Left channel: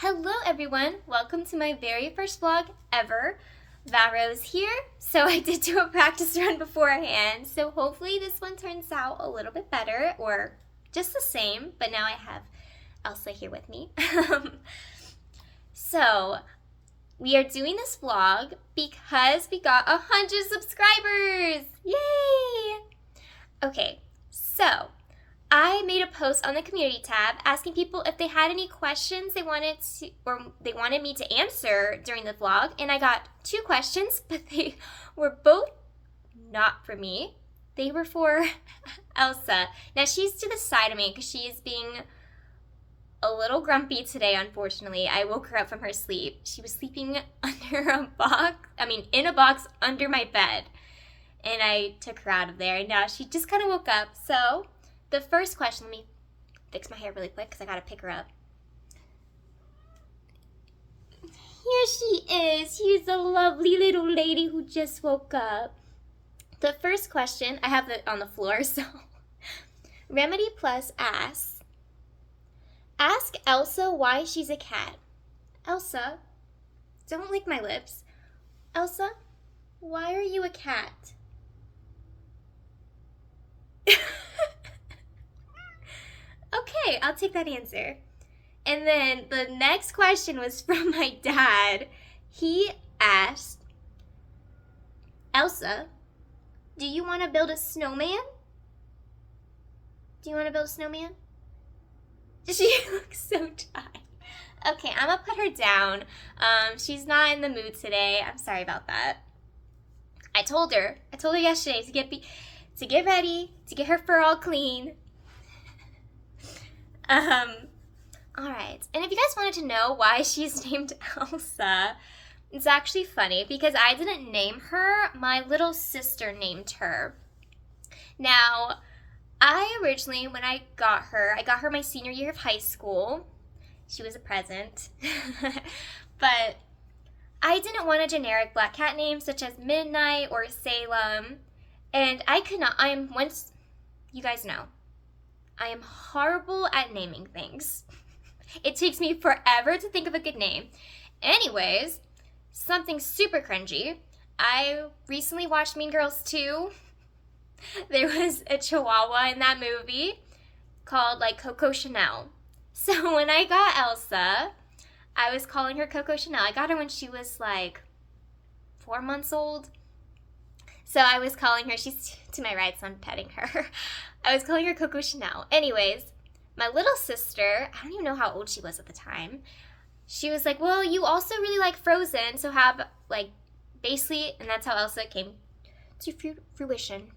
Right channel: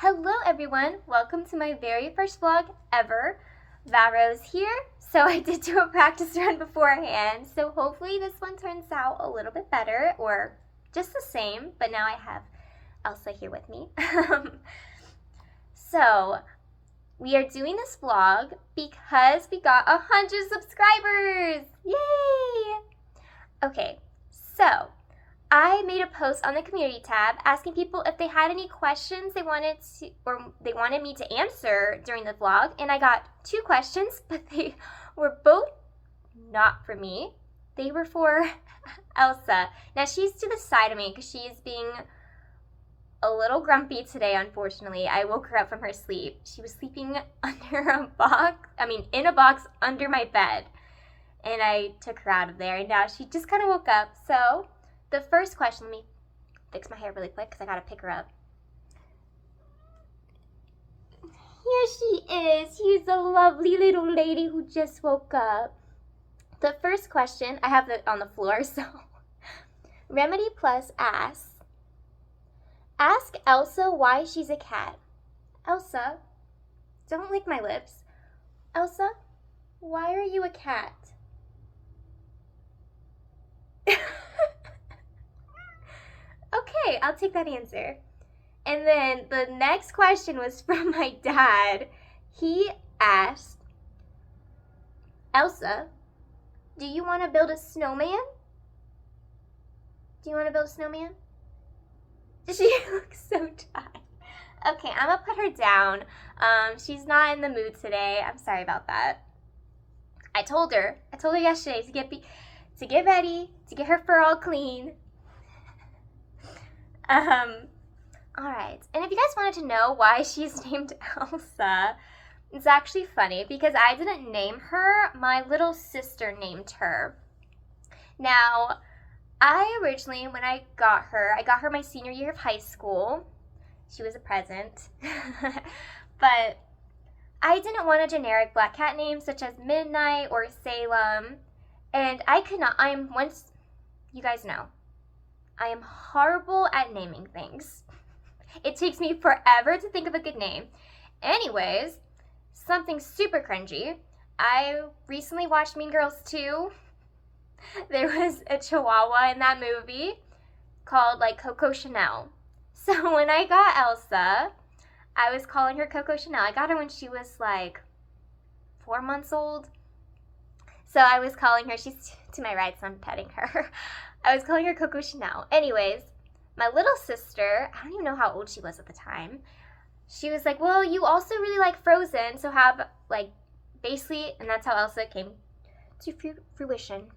Hello everyone, welcome to my very first vlog ever. Varro's here, so I did do a practice run beforehand, so hopefully this one turns out a little bit better or just the same, but now I have Elsa here with me. So we are doing this vlog because we got 100 subscribers! Yay! Okay, so I made a post on the community tab asking people if they had any questions they wanted me to answer during the vlog, and I got 2 questions, but they were both not for me. They were for Elsa. Now she's to the side of me because she is being a little grumpy today, unfortunately. I woke her up from her sleep. She was sleeping in a box under my bed, and I took her out of there, and now she just kind of woke up. So the first question, let me fix my hair really quick because I gotta pick her up. Here she is. She's a lovely little lady who just woke up. The first question, I have it on the floor, so Remedy Plus asks, ask Elsa why she's a cat. Elsa, don't lick my lips. Elsa, why are you a cat? Okay, I'll take that answer. And then the next question was from my dad. He asked, Elsa, do you want to build a snowman? Do you want to build a snowman? She looks so tired. Okay, I'm gonna put her down. She's not in the mood today. I'm sorry about that. I told her yesterday to get ready, to get her fur all clean. All right. And if you guys wanted to know why she's named Elsa, it's actually funny because I didn't name her. My little sister named her. Now, I originally, when I got her my senior year of high school. She was a present. But I didn't want a generic black cat name such as Midnight or Salem. And you guys know, I am horrible at naming things. It takes me forever to think of a good name. Anyways, something super cringy. I recently watched Mean Girls 2. There was a chihuahua in that movie called Coco Chanel. So when I got Elsa, I was calling her Coco Chanel. I got her when she was 4 months old. So I was calling her, she's to my right, so I'm petting her. I was calling her Coco Chanel. Anyways, my little sister, I don't even know how old she was at the time. She was like, well, you also really like Frozen, so have, basically, and that's how Elsa came to fruition.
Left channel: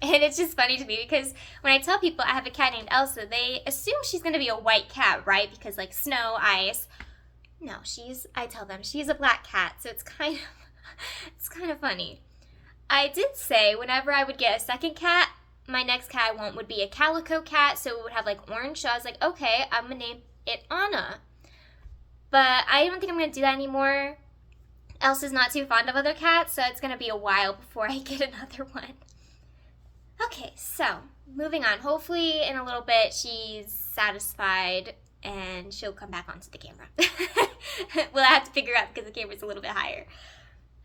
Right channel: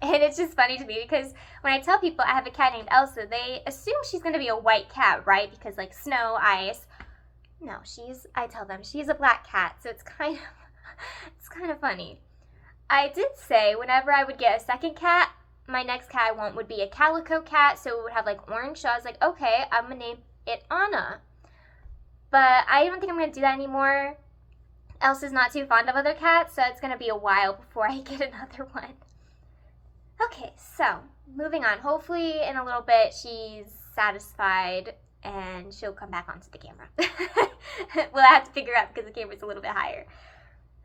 And it's just funny to me because when I tell people I have a cat named Elsa, they assume she's going to be a white cat, right? Because, snow, ice. No, I tell them she's a black cat, so it's kind of funny. I did say whenever I would get a second cat, my next cat I want would be a calico cat, so it would have orange. So I was like, okay, I'm gonna name it Anna. But I don't think I'm gonna do that anymore. Elsa's not too fond of other cats, so it's gonna be a while before I get another one. Okay, so moving on. Hopefully in a little bit she's satisfied and she'll come back onto the camera. We'll have to figure out because the camera's a little bit higher.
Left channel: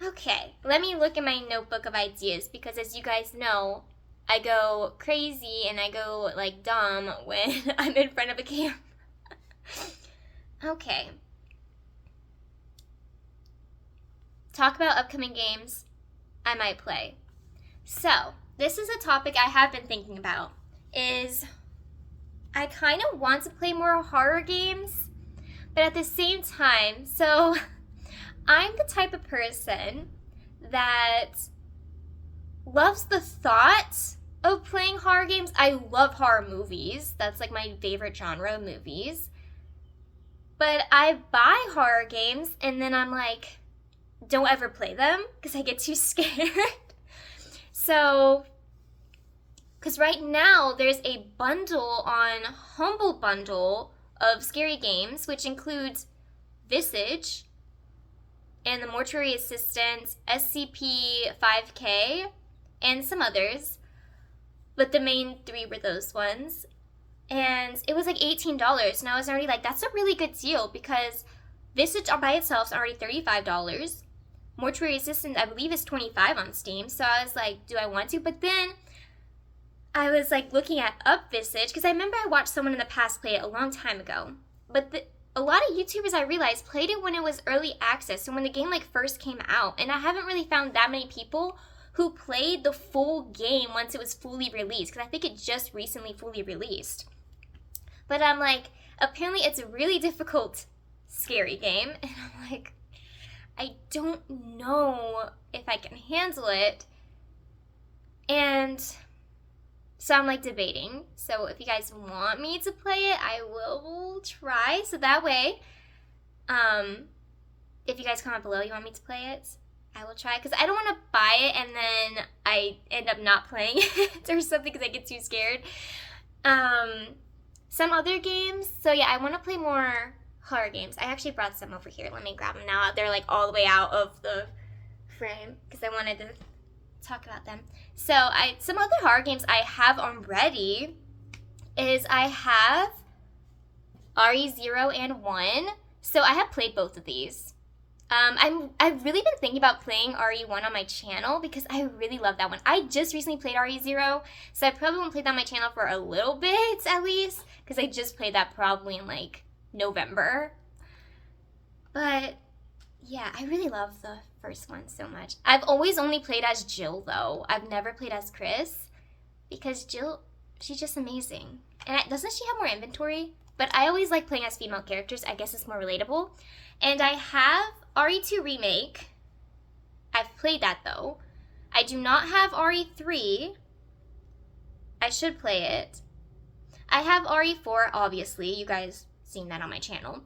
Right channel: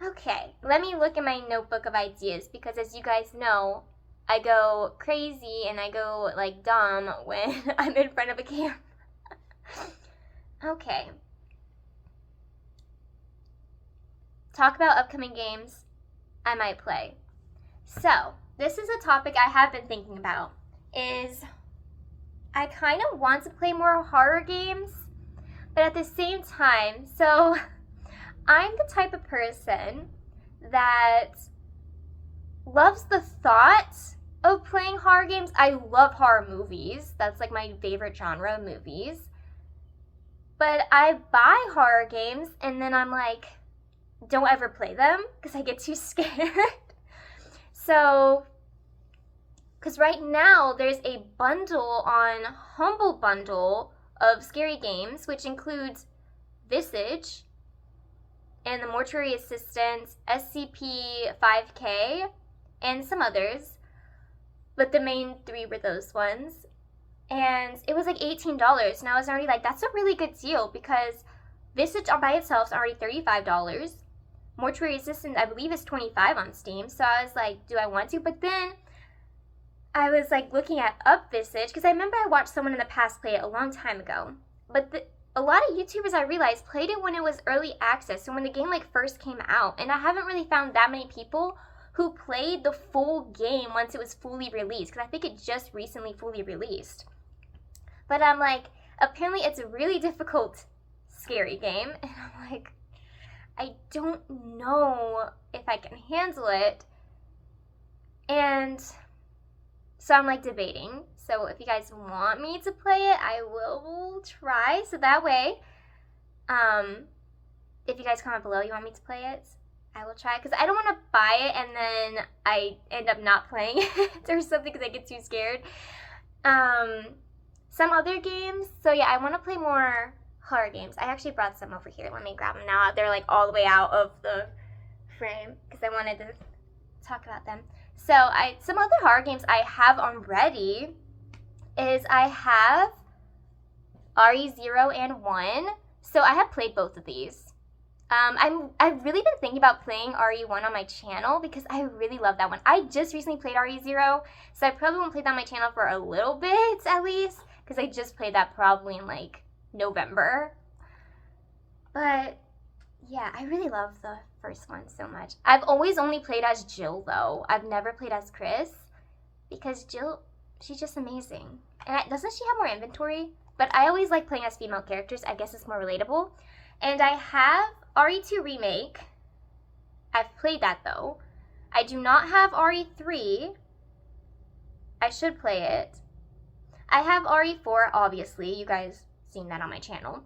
Okay, let me look at my notebook of ideas because as you guys know, I go crazy and I go dumb when I'm in front of a camera. Okay. Talk about upcoming games I might play. So, this is a topic I have been thinking about, is I kind of want to play more horror games, but at the same time, so I'm the type of person that loves the thought of playing horror games. I love horror movies. That's my favorite genre of movies. But I buy horror games and then I'm don't ever play them because I get too scared. So, because right now there's a bundle on Humble Bundle of scary games, which includes Visage and the Mortuary Assistant, SCP-5K, and some others. But the main 3 were those ones. and it was like $18, and I was already like, that's a really good deal because Visage by itself is already $35. Mortuary Assistant, I believe, is $25 on Steam. So I was like, do I want to? But then I was like looking at Up Visage because I remember I watched someone in the past play it a long time ago. But a lot of YouTubers I realized played it when it was early access, so when the game like first came out. And I haven't really found that many people who played the full game once it was fully released, because I think it just recently fully released. But I'm like, apparently it's a really difficult, scary game, and I'm like, I don't know if I can handle it. And so I'm like debating. So if you guys want me to play it, I will try. So that way, if you guys comment below you want me to play it, I will try. Because I don't want to buy it and then I end up not playing it or something because I get too scared. Some other games. So yeah, I want to play more horror games. I actually brought some over here. Let me grab them now. They're like all the way out of the frame because I wanted to talk about them. So some other horror games I have already is I have RE0 and 1. So I have played both of these. I've really been thinking about playing RE1 on my channel because I really love that one. I just recently played RE0, so I probably won't play that on my channel for a little bit at least because I just played that probably in like November. But yeah, I really love the first one so much. I've always only played as Jill though. I've never played as Chris because Jill, she's just amazing. And doesn't she have more inventory? But I always like playing as female characters. I guess it's more relatable. And I have RE2 Remake. I've played that though. I do not have RE3. I should play it. I have RE4, obviously. You guys seen that on my channel.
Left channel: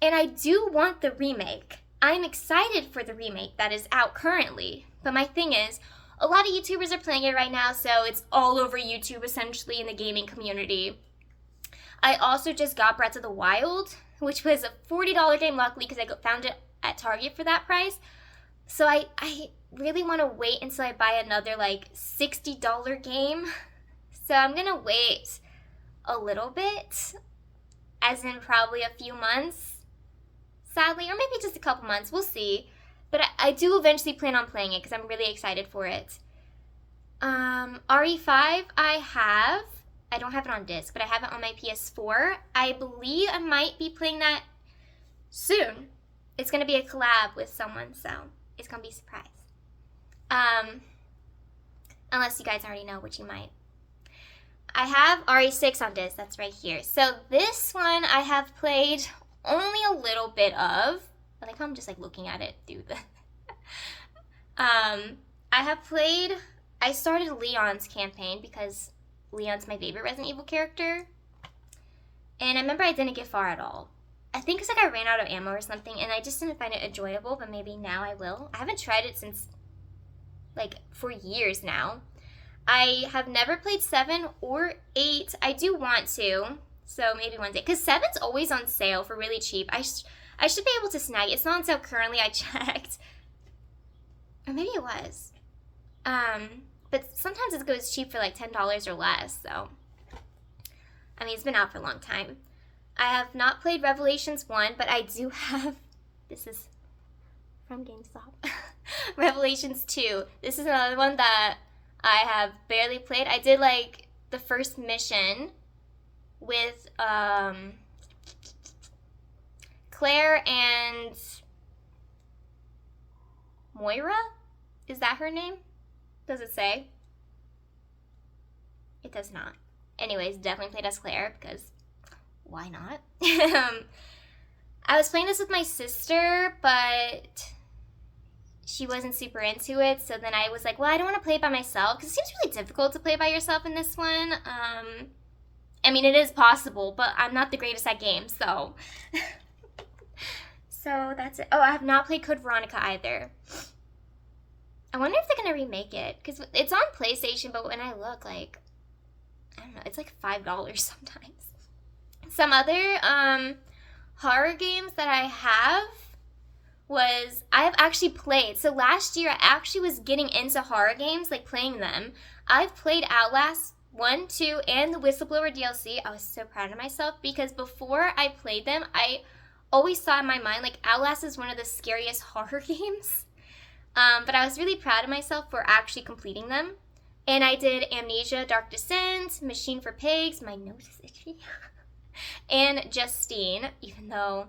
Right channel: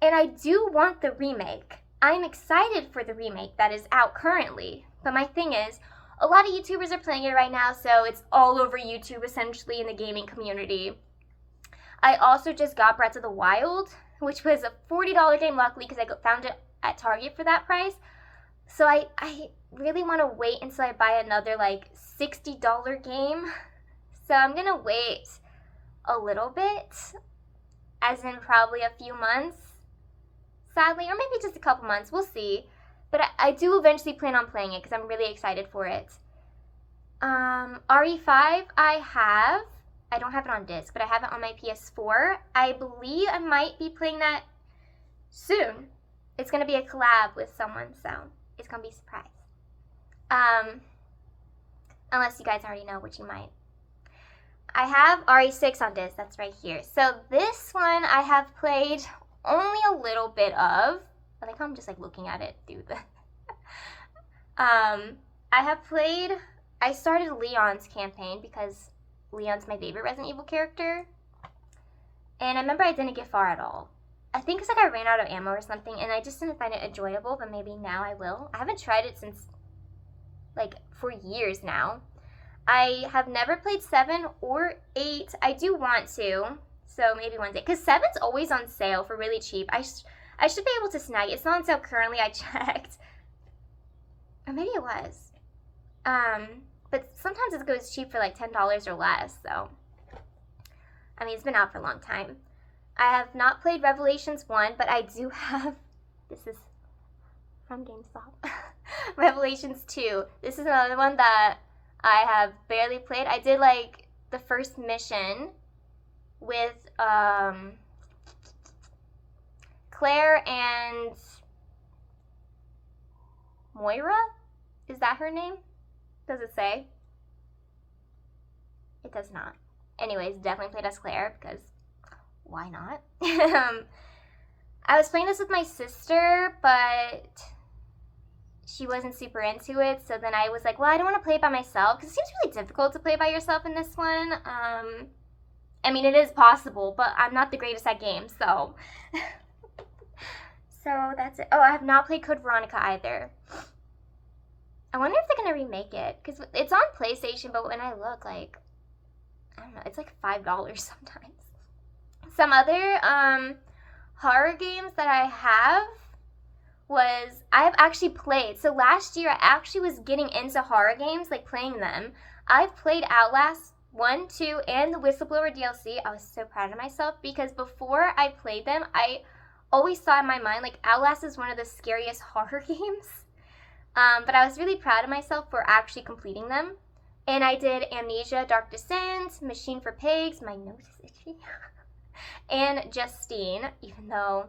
And I do want the remake. I'm excited for the remake that is out currently. But my thing is, a lot of YouTubers are playing it right now, so it's all over YouTube essentially in the gaming community. I also just got Breath of the Wild, which was a $40 game, luckily, because I found it at Target for that price. So I really want to wait until I buy another like $60 game. So I'm going to wait a little bit, as in probably a few months, sadly, or maybe just a couple months. We'll see. But I do eventually plan on playing it because I'm really excited for it. RE5 I don't have it on disc, but I have it on my PS4. I believe I might be playing that soon. It's going to be a collab with someone, so it's going to be a surprise. Unless you guys already know, which you might. I have RE6 on disc. That's right here. So this one I have played only a little bit of. I think I'm just like looking at it through the... I started Leon's campaign because Leon's my favorite Resident Evil character. And I remember I didn't get far at all. I think it's like I ran out of ammo or something and I just didn't find it enjoyable, but maybe now I will. I haven't tried it since like for years now. I have never played 7 or 8. I do want to, so maybe one day. Because 7's always on sale for really cheap. I should be able to snag it. It's not on sale currently, I checked. Or maybe it was. But sometimes it goes cheap for like $10 or less, so. I mean, it's been out for a long time. I have not played Revelations 1, but I do have, this is from GameStop, Revelations 2. This is another one that I have barely played. I did like the first mission with Claire and Moira? Is that her name? Does it say? It does not. Anyways, definitely played as Claire because why not? I was playing this with my sister, but she wasn't super into it. So then I was like, well, I don't want to play it by myself because it seems really difficult to play by yourself in this one. I mean, it is possible, but I'm not the greatest at games, so. So that's it. Oh, I have not played Code Veronica either. I wonder if they're going to remake it because it's on PlayStation, but when I look, like, I don't know, it's like $5 sometimes. Some other horror games that I have actually played. So last year I actually was getting into horror games, like playing them. I've played Outlast 1, 2, and the Whistleblower DLC. I was so proud of myself because before I played them, I always thought in my mind, like, Outlast is one of the scariest horror games. But I was really proud of myself for actually completing them. And I did Amnesia, Dark Descent, Machine for Pigs, my nose is itchy, and Justine, even though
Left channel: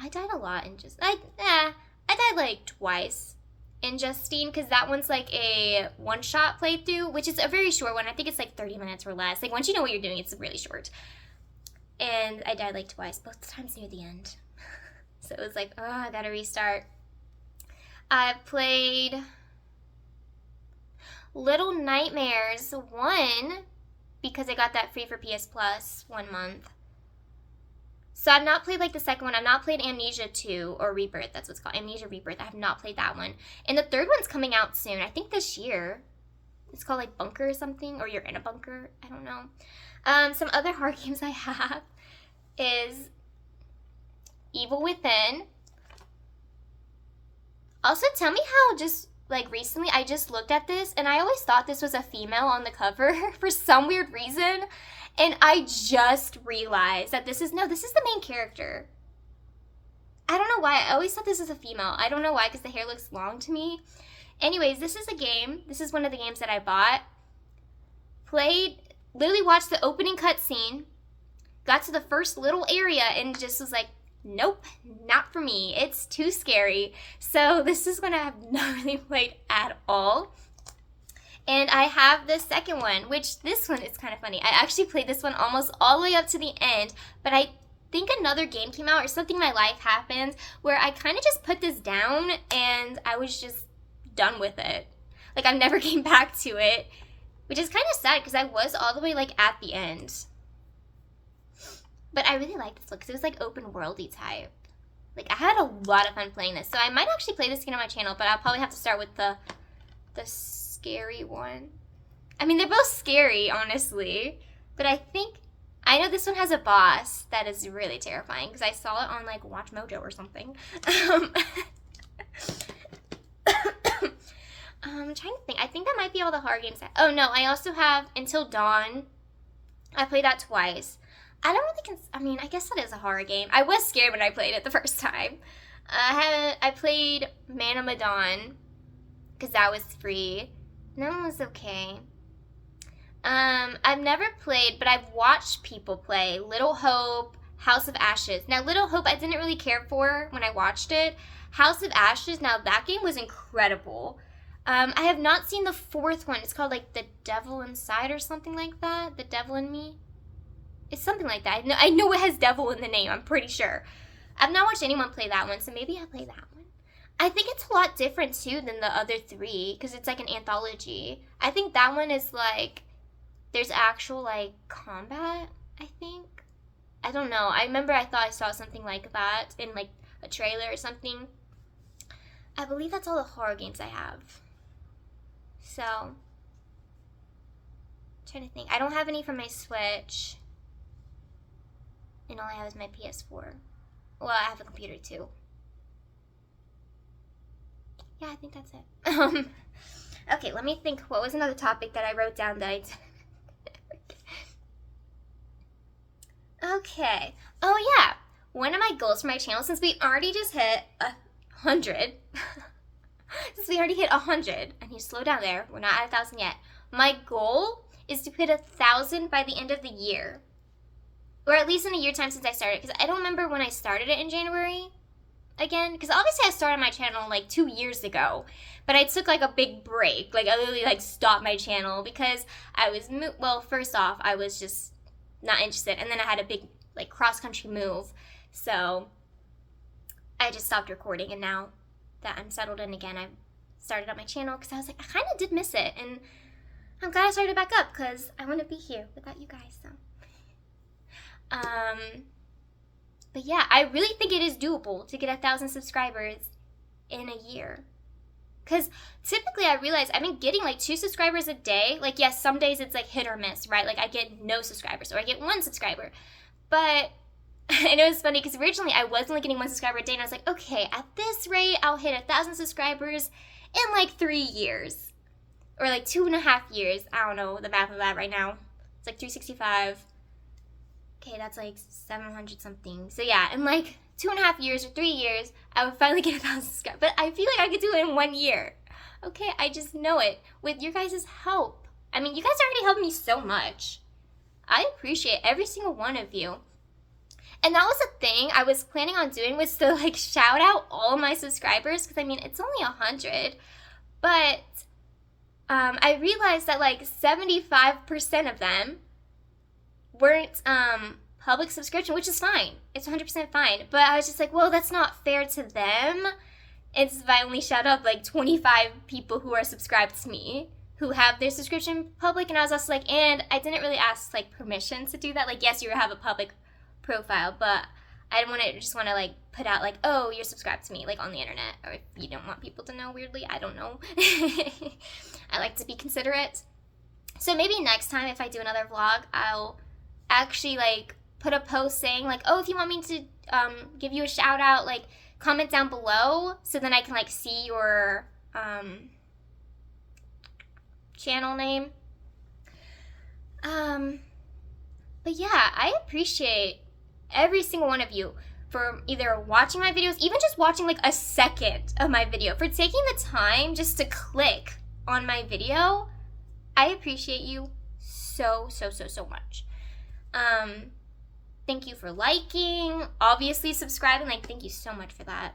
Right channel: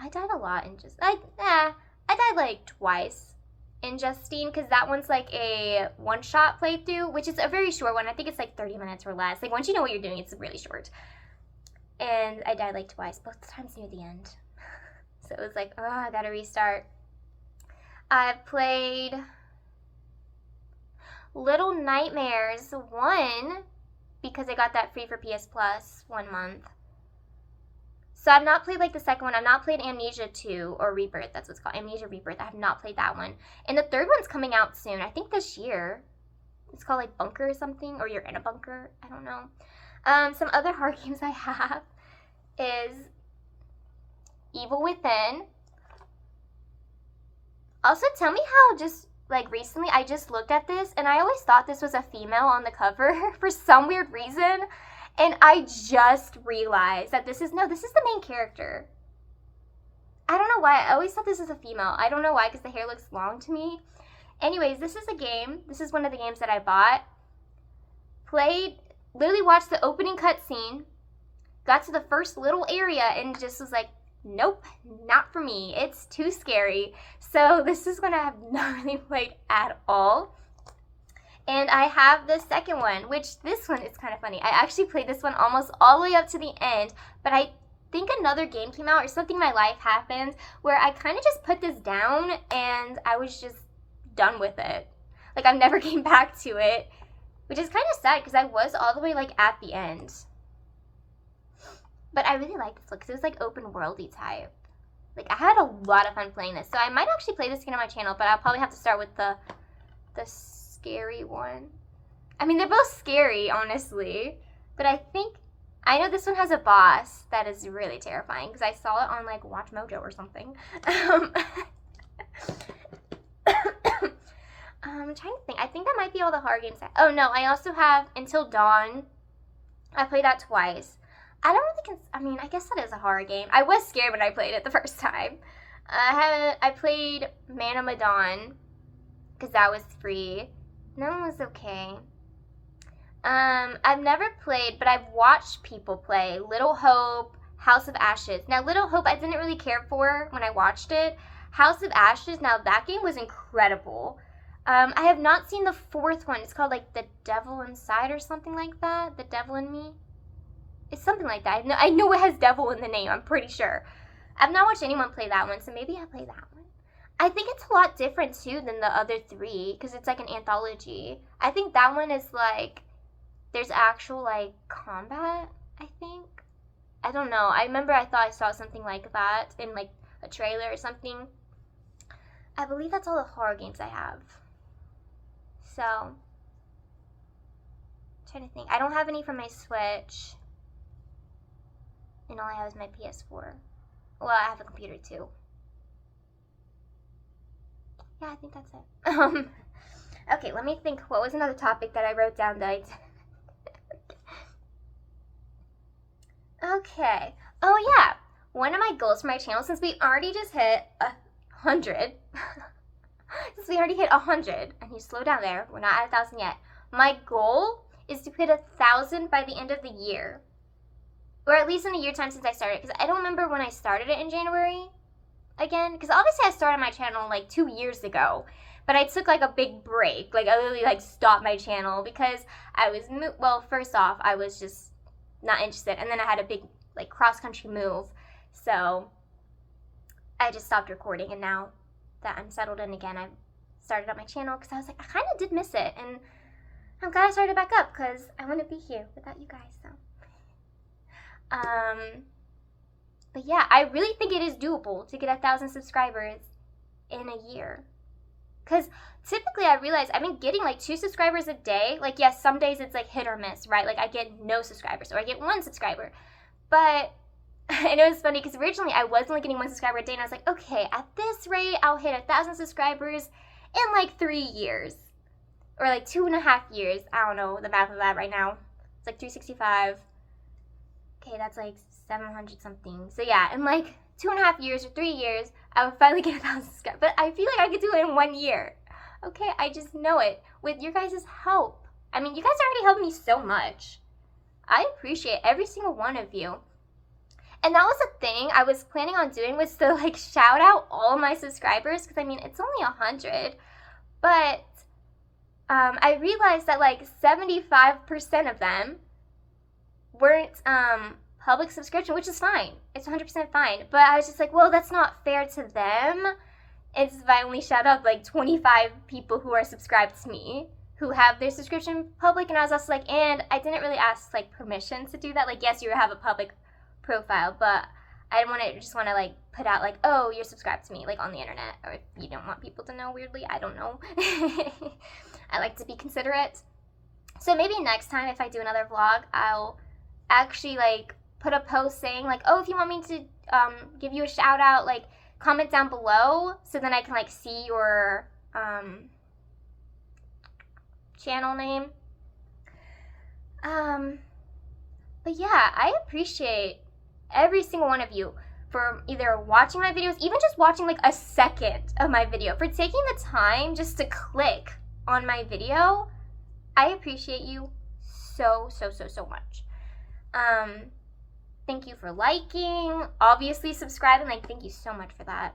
I died a lot in I died like twice in Justine, because that one's like a one-shot playthrough, which is a very short one. I think it's like 30 minutes or less. Like, once you know what you're doing, it's really short. And I died like twice, both times near the end. So it was like, oh, I gotta restart. I've played Little Nightmares 1 because I got that free for PS Plus 1 month. So I've not played like the second one. I've not played Amnesia 2 or Rebirth. That's what's called. Amnesia Rebirth. I have not played that one. And the third one's coming out soon. I think this year. It's called like Bunker or something. Or You're in a Bunker. I don't know. Some other horror games I have is Evil Within. Also, tell me how just like recently I just looked at this and I always thought this was a female on the cover for some weird reason. And I just realized that this is the main character. I don't know why. I always thought this was a female. I don't know why, because the hair looks long to me. Anyways, this is a game. This is one of the games that I bought. Played, literally watched the opening cutscene, got to the first little area, and just was like, nope, not for me. It's too scary. So this is one I have not really played at all. And I have the second one, which this one is kind of funny. I actually played this one almost all the way up to the end, but I think another game came out or something in my life happened where I kind of just put this down and I was just done with it. Like, I never came back to it, which is kind of sad because I was all the way like at the end. But I really like this one because it was like open worldy type. Like, I had a lot of fun playing this. So I might actually play this again on my channel, but I'll probably have to start with the scary one. I mean, they're both scary, honestly. But I know this one has a boss that is really terrifying because I saw it on like Watch Mojo or something. I'm trying to think. I think that might be all the horror games. Oh no, I also have Until Dawn. I played that twice. I don't really I guess that is a horror game. I was scared when I played it the first time. I played Man of Medan because that was free. And that one was okay. I've never played, but I've watched people play Little Hope, House of Ashes. Now, Little Hope I didn't really care for when I watched it. House of Ashes, now that game was incredible. I have not seen the fourth one. It's called like The Devil Inside or something like that. The Devil in Me. It's something like that. I know it has devil in the name, I'm pretty sure. I've not watched anyone play that one, so maybe I'll play that one. I think it's a lot different, too, than the other three, because it's like an anthology. I think that one is like, there's actual, like, combat, I think. I don't know. I remember I thought I saw something like that in, like, a trailer or something. I believe that's all the horror games I have. So, I'm trying to think. I don't have any for my Switch. And all I have is my PS4. Well, I have a computer too. Yeah, I think that's it. Okay, let me think. What was another topic that I wrote down that I did? Okay. Oh yeah. One of my goals for my channel, since we already just hit 100. Since we already hit 100. I need to slow down there. We're not at 1,000 yet. My goal is to hit 1,000 by the end of the year. Or at least in a year time since I started. Because I don't remember when I started it in January. Again. Because obviously I started my channel like 2 years ago. But I took like a big break. Like I literally like stopped my channel. Because I was, well, first off, I was just not interested. And then I had a big like cross-country move. So I just stopped recording. And now that I'm settled in again, I've started up my channel. Because I was like, I kind of did miss it. And I'm glad I started back up. Because I want to be here without you guys. So. But yeah, I really think it is doable to get 1,000 subscribers in a year. Because typically I realize I've been getting like 2 subscribers a day. Like, yes, some days it's like hit or miss, right? Like I get no subscribers or I get 1 subscriber. But, and it was funny because originally I was only getting 1 subscriber a day and I was like, okay, at this rate, I'll hit 1,000 subscribers in like 3 years. or like 2.5 years. I don't know the math of that right now. It's like 365. Okay, that's like 700 something. So yeah, in like 2.5 years or 3 years, I would finally get 1,000 subscribers. But I feel like I could do it in 1 year. Okay, I just know it with your guys' help. I mean, you guys already helped me so much. I appreciate every single one of you. And that was the thing I was planning on doing, was to like shout out all my subscribers, because I mean, it's only 100. But I realized that like 75% of them weren't public subscription, which is fine. It's 100% fine. But I was just like, well, that's not fair to them. It's if I only shout out like 25 people who are subscribed to me, who have their subscription public. And I was also like, and I didn't really ask like permission to do that. Like, yes, you have a public profile, but I didn't want to just want to like put out like, oh, you're subscribed to me, like on the internet. Or if you don't want people to know, weirdly, I don't know. I like to be considerate. So maybe next time if I do another vlog, I'll actually like put a post saying like, oh, if you want me to give you a shout out, like comment down below, so then I can like see your channel name. But yeah, I appreciate every single one of you for either watching my videos, even just watching like a second of my video, for taking the time just to click on my video. I appreciate you so much. Thank you for liking, obviously subscribing, like thank you so much for that.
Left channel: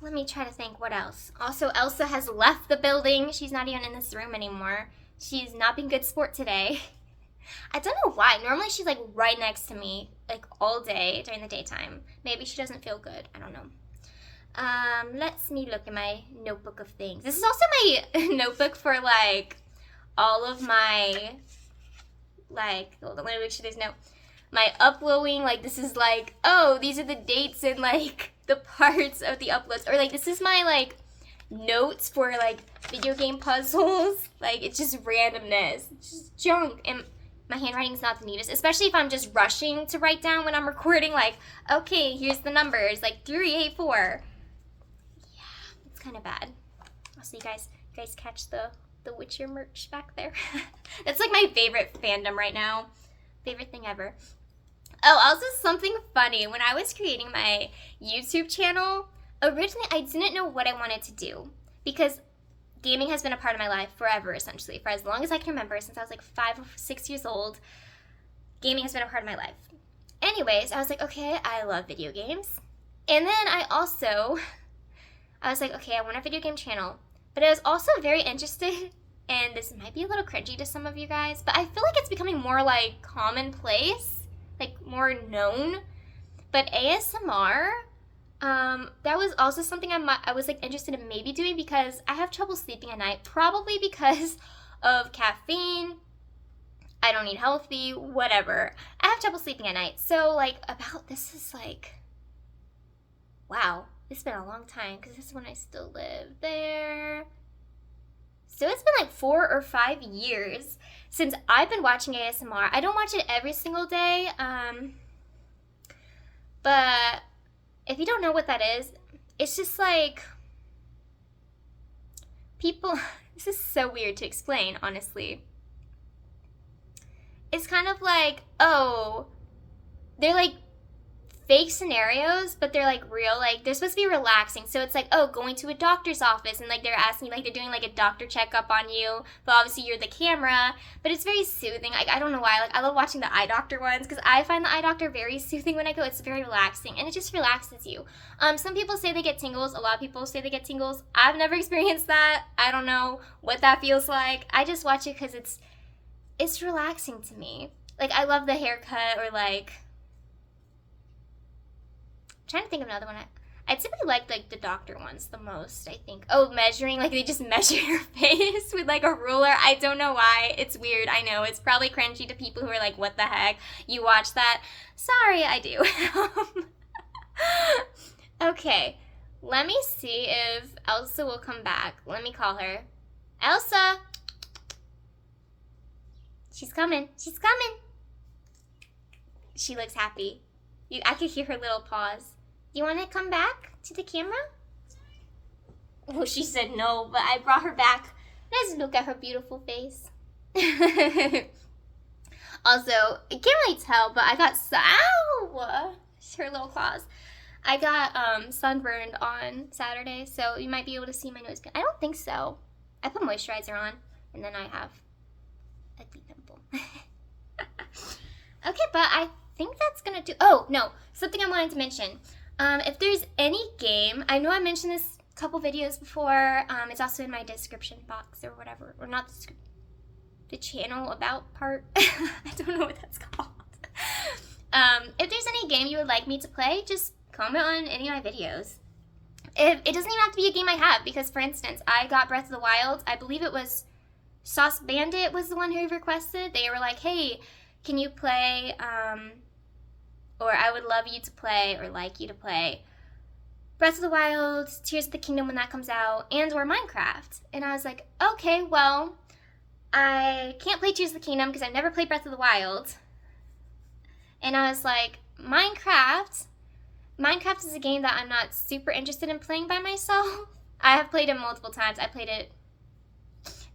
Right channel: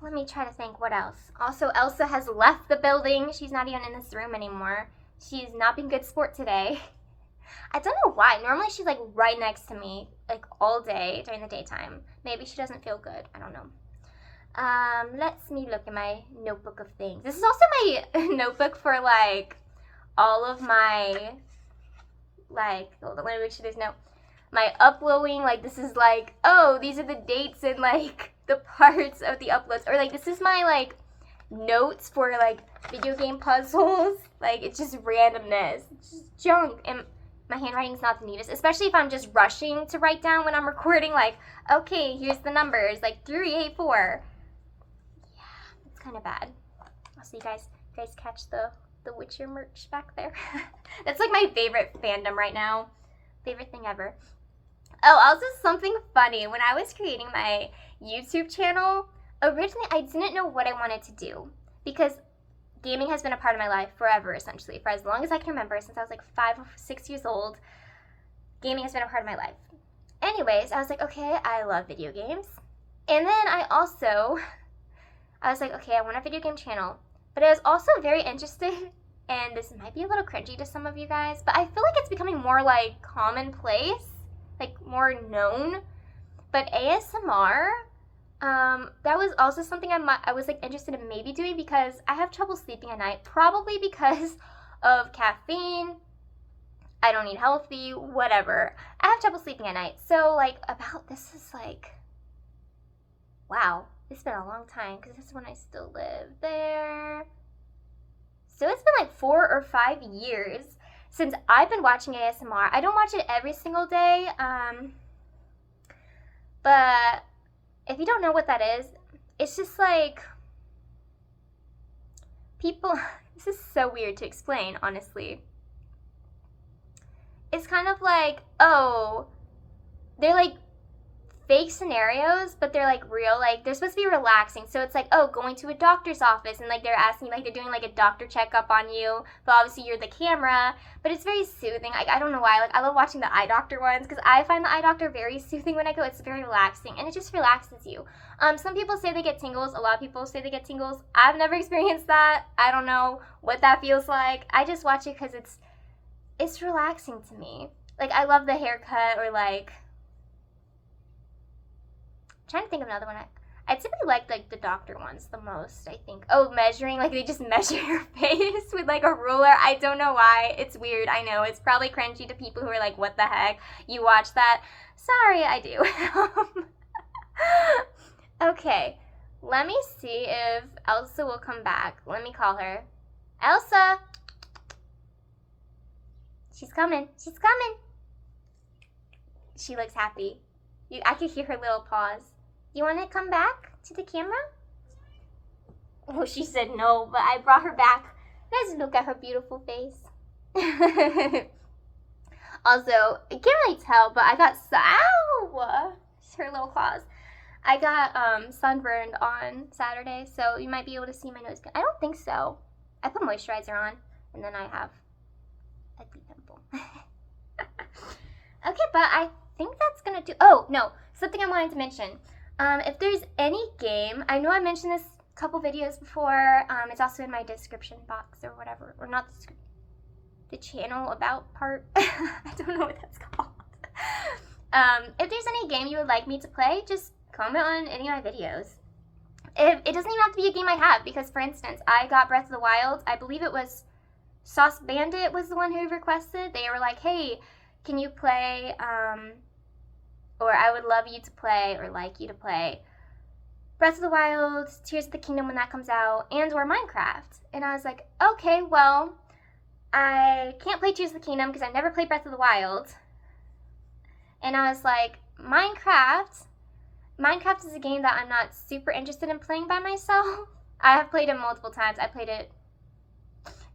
Let me try to think what else. Also, Elsa has left the building. She's not even in this room anymore. She's not being good sport today. I don't know why. Normally she's like right next to me, like all day during the daytime. Maybe she doesn't feel good. I don't know. Let's me look at my notebook of things. This is also my notebook for like all of my, like, hold on, let me make sure there's no, my uploading. Like this is like, oh, these are the dates and like the parts of the uploads. Or like this is my like notes for like video game puzzles. Like it's just randomness. It's just junk. And my handwriting's not the neatest, especially if I'm just rushing to write down when I'm recording, like, okay, here's the numbers, like 384. Yeah, it's kind of bad. Also, you guys catch the Witcher merch back there? That's like my favorite fandom right now. Favorite thing ever. Oh, also something funny. When I was creating my YouTube channel, originally I didn't know what I wanted to do, because gaming has been a part of my life forever, essentially. For as long as I can remember, since I was like 5 or 6 years old, gaming has been a part of my life. Anyways, I was like, okay, I love video games. And then I was like, okay, I want a video game channel. But I was also very interested, and this might be a little cringy to some of you guys, but I feel like it's becoming more like commonplace, like more known. But ASMR, that was also something I was like interested in maybe doing, because I have trouble sleeping at night, probably because of caffeine. I don't eat healthy, whatever. I have trouble sleeping at night. So like about this is like, wow, it's been a long time, because this is when I still live there. So it's been like 4 or 5 years since I've been watching ASMR. I don't watch it every single day, but if you don't know what that is, it's just like people, this is so weird to explain, honestly. It's kind of like, oh, they're like fake scenarios, but they're like real. Like they're supposed to be relaxing. So it's like, oh, going to a doctor's office, and like they're asking, like they're doing like a doctor checkup on you, but obviously you're the camera. But it's very soothing. Like I don't know why. Like I love watching the eye doctor ones, because I find the eye doctor very soothing when I go. It's very relaxing, and it just relaxes you. Some people say they get tingles. A lot of people say they get tingles. I've never experienced that. I don't know what that feels like. I just watch it because it's relaxing to me. Like I love the haircut, or like, I'm trying to think of another one. I typically like the doctor ones the most, I think. Oh, measuring, like they just measure your face with like a ruler. I don't know why. It's weird. I know it's probably cringy to people who are like, what the heck? You watch that? Sorry, I do. Okay, let me see if Elsa will come back. Let me call her. Elsa! She's coming. She's coming. She looks happy. I could hear her little paws. You want to come back to the camera? Well, she said no, but I brought her back. Let's look at her beautiful face. Also, you can't really tell, but I got her little claws. I got sunburned on Saturday, so you might be able to see my nose. I don't think so. I put moisturizer on, and then I have a deep pimple. Okay, but I think that's gonna do. Oh no, something I wanted to mention. If there's any game, I know I mentioned this a couple videos before. It's also in my description box or whatever, or not the channel about part. I don't know what that's called. If there's any game you would like me to play, just comment on any of my videos. It doesn't even have to be a game I have, because for instance, I got Breath of the Wild. I believe it was Sauce Bandit was the one who requested. They were like, hey, can you play, or I would love you to play, or like you to play Breath of the Wild, Tears of the Kingdom when that comes out, and or Minecraft. And I was like, okay, well, I can't play Tears of the Kingdom because I've never played Breath of the Wild. And I was like, Minecraft is a game that I'm not super interested in playing by myself. I have played it multiple times. I played it,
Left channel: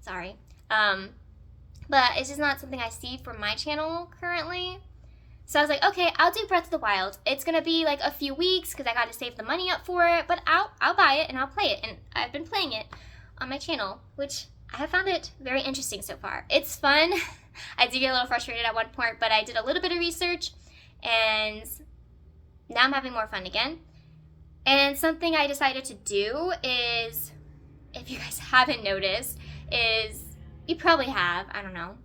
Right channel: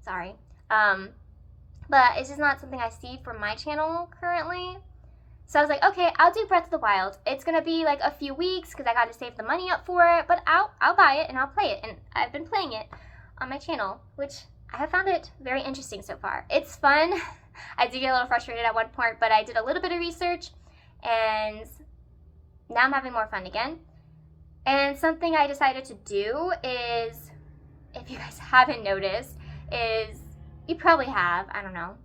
sorry. But it's just not something I see for my channel currently. So I was like, okay, I'll do Breath of the Wild. It's gonna be like a few weeks because I gotta save the money up for it, but I'll buy it and I'll play it. And I've been playing it on my channel, which I have found it very interesting so far. It's fun. I did get a little frustrated at one point, but I did a little bit of research and now I'm having more fun again. And something I decided to do is, if you guys haven't noticed, is, you probably have, I don't know,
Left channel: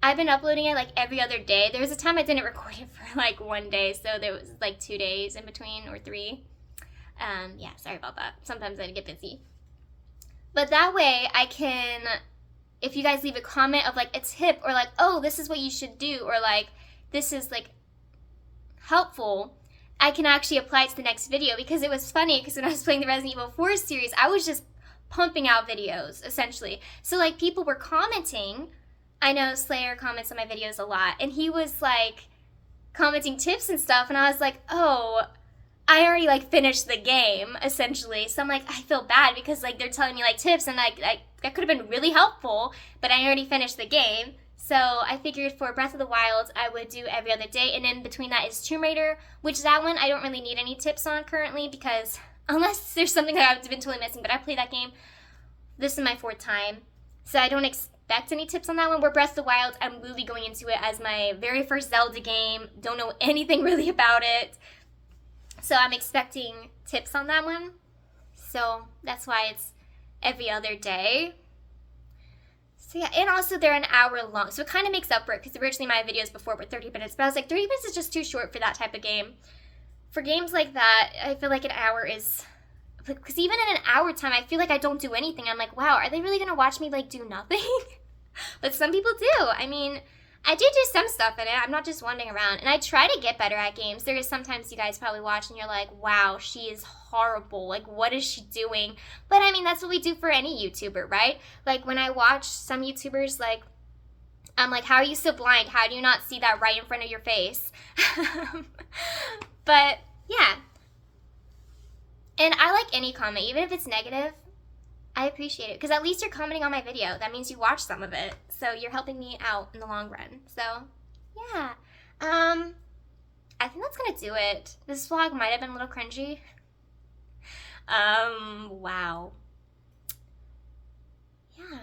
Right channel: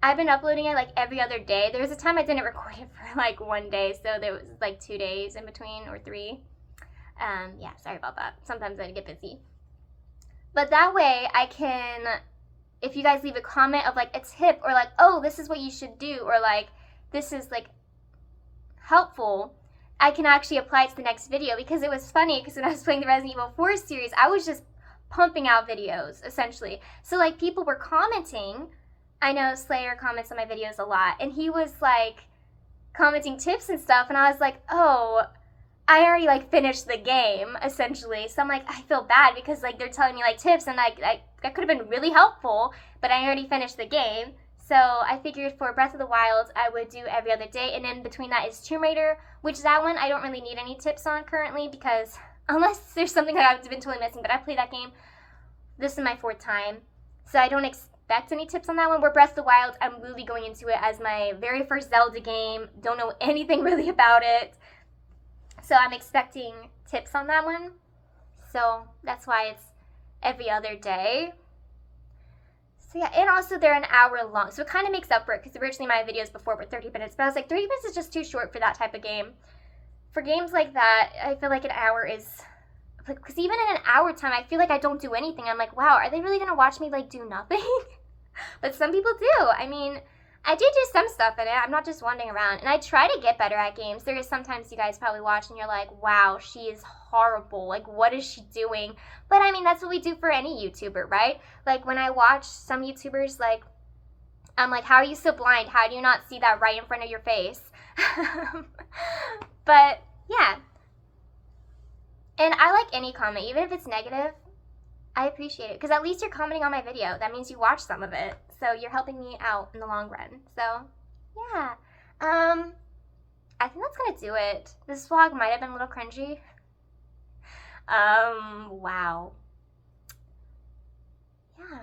I've been uploading it like every other day. There was a time I didn't record it for like one day, so there was like 2 days in between, or 3. Yeah, sorry about that. Sometimes I get busy. But that way I can, if you guys leave a comment of like a tip, or like, oh, this is what you should do, or like, this is like helpful, I can actually apply it to the next video. Because it was funny, because when I was playing the Resident Evil 4 series, I was just pumping out videos, essentially. So like, people were commenting. I know Slayer comments on my videos a lot, and he was like commenting tips and stuff, and I was like, oh, I already like finished the game, essentially. So I'm like, I feel bad because like they're telling me like tips, and like that could have been really helpful, but I already finished the game. So I figured for Breath of the Wild, I would do every other day, and in between that is Tomb Raider, which that one I don't really need any tips on currently, because unless there's something that I've been totally missing, but I played that game, this is my 4th time, so I don't expect any tips on that one. Where Breath of the Wild, I'm really going into it as my very first Zelda game, don't know anything really about it, so I'm expecting tips on that one. So that's why it's every other day. So yeah, and also they're an hour long, so it kind of makes up for it, because originally my videos before were 30 minutes, but I was like, 30 minutes is just too short for that type of game. For games like that, I feel like an hour is, because even in an hour time, I feel like I don't do anything. I'm like, wow, are they really gonna watch me like do nothing? But some people do. I mean, I do some stuff in it. I'm not just wandering around, and I try to get better at games. There is sometimes you guys probably watch and you're like, wow, she is horrible. Like, what is she doing? But I mean, that's what we do for any YouTuber, right? Like, when I watch some YouTubers, like, I'm like, how are you so blind? How do you not see that right in front of your face? But yeah. And I like any comment, even if it's negative, I appreciate it, because at least you're commenting on my video. That means you watched some of it, so you're helping me out in the long run. So yeah, I think that's gonna do it. This vlog might have been a little cringy. Wow. Yeah,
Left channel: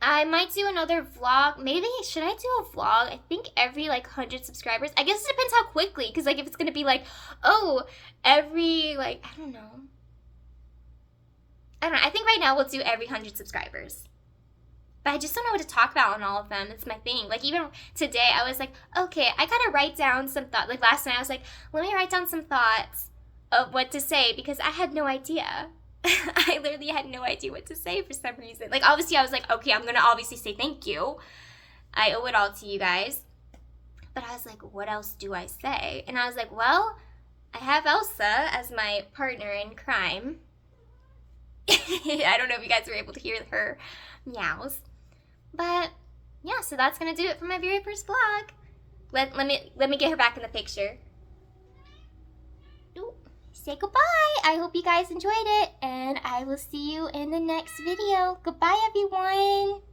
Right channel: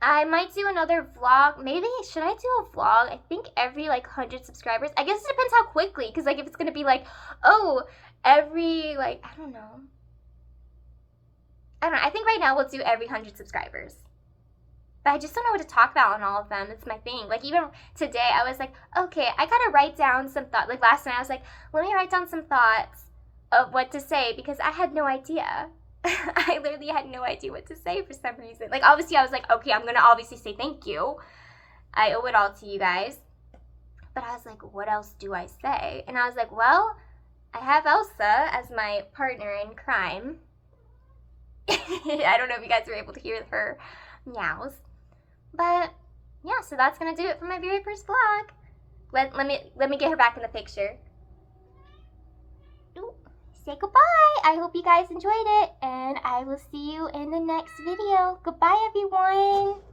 I might do another vlog. Maybe, should I do a vlog? I think every like 100 subscribers. I guess it depends how quickly, because like if it's gonna be like, oh, every like, I don't know. I think right now we'll do every 100 subscribers. But I just don't know what to talk about on all of them. It's my thing. Like, even today, I was like, okay, I gotta write down some thoughts. Like, last night, I was like, let me write down some thoughts of what to say, because I had no idea. I literally had no idea what to say for some reason. Like, obviously, I was like, okay, I'm gonna obviously say thank you. I owe it all to you guys. But I was like, what else do I say? And I was like, well, I have Elsa as my partner in crime. I don't know if you guys were able to hear her meows. But yeah, so that's gonna do it for my very first vlog. Let me get her back in the picture. Ooh, say goodbye. I hope you guys enjoyed it, and I will see you in the next video. Goodbye, everyone.